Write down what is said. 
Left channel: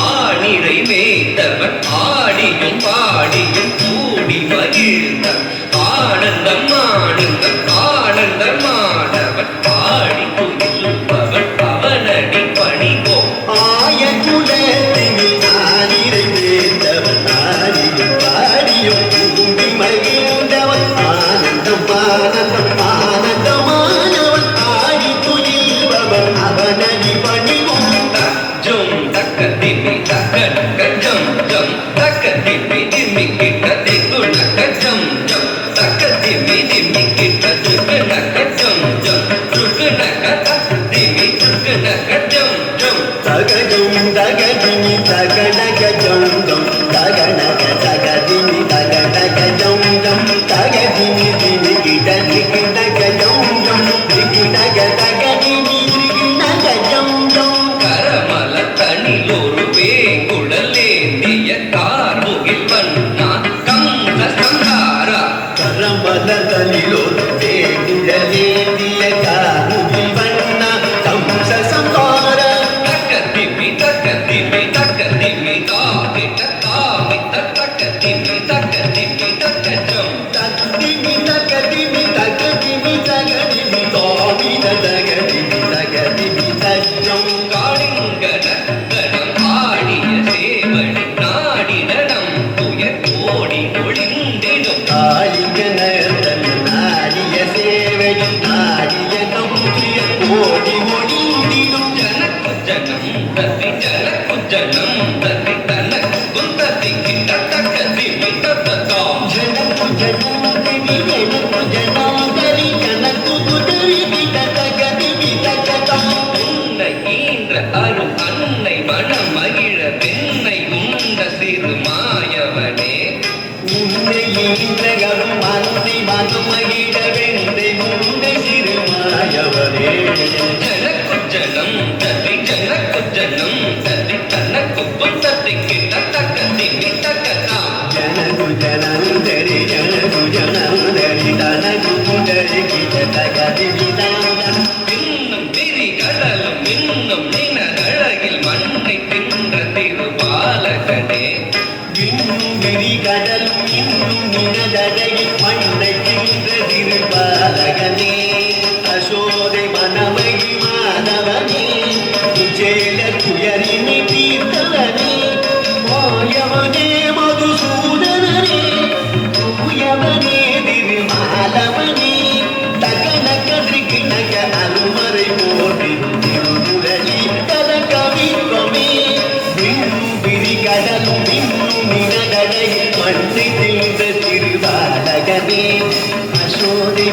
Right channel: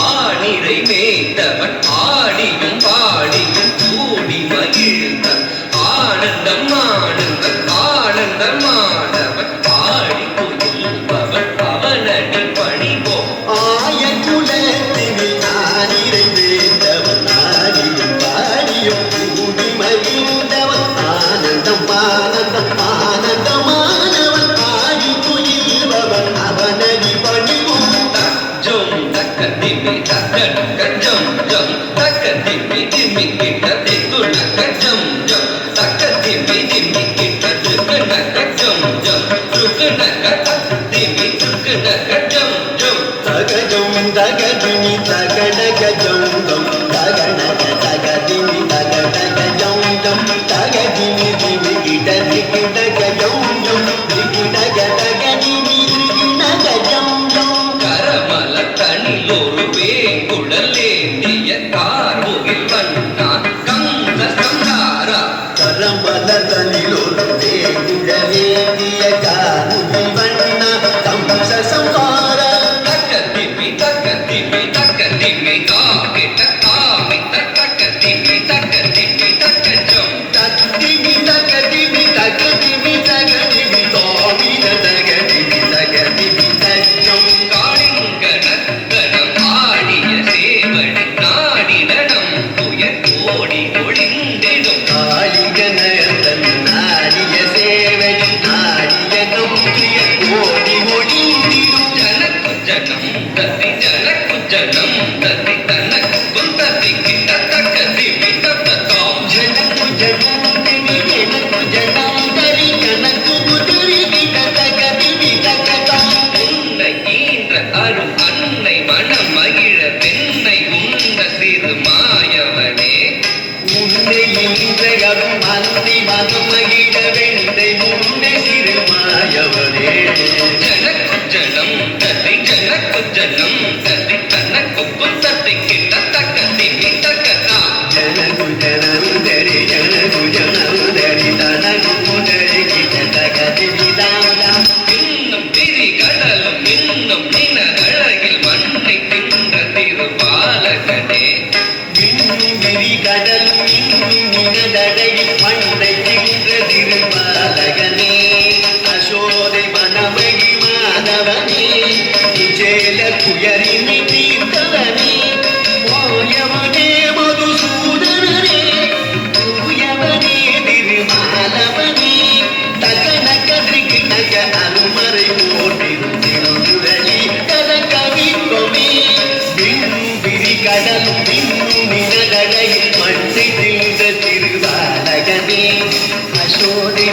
ஆணிரை மேய்த்தவன் ஆடியும் பாடியும் கூடி மகிழ்ந்தான். ஆனந்தம் ஆனந்தம் ஆனந்தம் ஆடவன் பாடி துயில்பவன் அவனடி பணிவோம். ஆயக்குலத்தினில் ஆணிரை மேய்த்தவன் ஆடியும் பாடியும் கூடி மகிழ்ந்தவன் ஆனந்தம் ஆனந்தம் ஆனந்தமானவன் ஆடி துயில்பவன் அவனடி பணிவோம். ஜம் தக்க திம்மி தக்க நக்க ஜம் ஜம் தக்க திம்மி திம்மி கிட்ட திக்கு நக்க ஜம் ஜம் தக்க திம்மி திம்மி கிட்ட துக்கு நக்க ஜம் ஜம் துக்கு நக்க திம்மி துக்கு நக்க ஜம் ஜம் தகஜம் தகஜினி தகடக ஜம் ஜம் தகடக தகஜினி தகடக ஜம் ஜம் தகஜினி திமி கிட்ட திக்கு நக்க ஜம் ஜம் திக்கு நக தகஜினி திக்கு நக ஜம் ஜம். கரமல தனியொரு வேங்குழலேந்திய கார்முகில் வண்ணா கங்க சங்காரா. கரமலதலிலொரு வேங்குழலேந்திய கார்முகில் வண்ணா கம்ச சம்ஹார. தக்க திம்மி காகிட்ட காமித்த தக்க திம்மி தக்க ஜம் தத்திமி தகதிமி தகதிமி தகதிமி தாமித தகதிமி தகதிமி தஜம். காளிங்கனம் ஆடிய சேவடி நாடி நடம் துயர் கோடி ஒளிந்திடும். காளிகனர்தன் நாடிய சேவடி நாடிய கௌரிய கோடி ஒளிந்திடும். ஜனக்கு ஜனம் தத்தி தனக்கும் தத்தி கிட்ட தக்க திம்மி தத்தம். ஜனக்கு ஜனம் திவி எனக்கு ஜனம் தரி கனக்கு குதிரி கிட்ட தகதிமி தகதம். உன்னை ஈன்ற அருள் அன்னை மனம் மகிழ பெண்ணை உண்ட சிறு மாயவனே. உன்னை ஈன்றகரும் அந்தி மதுமகிழ வெண்டை உன்னை சிறுமாயவனே. ஜனக்கு ஜனம் தத்தி தனக்கும் தத்தி கிட்ட தக்க திம்மி தக்கத்தாம். ஜனகு ஜனந்தரி ஜனகு ஜனந்தரி தனகு முதரி கிட்ட தகதிமி தாம். இன்னும் விரி கடலும் இன்னும் நினழகில் மண்ணை தின்ற திருபாலகனே. இன்னும் விரி கடலும் இன்னும் நினதடையில் மண்ணை தின்ற திருபாலகனே. அசோதை மனமகி மாதவனே விஜேல குயரினை தீர்த்தவனே. ஓயவனே மதுசூதனரே தூயவனே திருமாலவனே. தகனக திரிகிணக அனுமரை போற்றிடும் திருமுரளி தத கவித்வமே. இன்னும் விரி கடலும் இன்னும் நினதடையில் மண்ணை தின்ற திருபாலகனே. அசோதை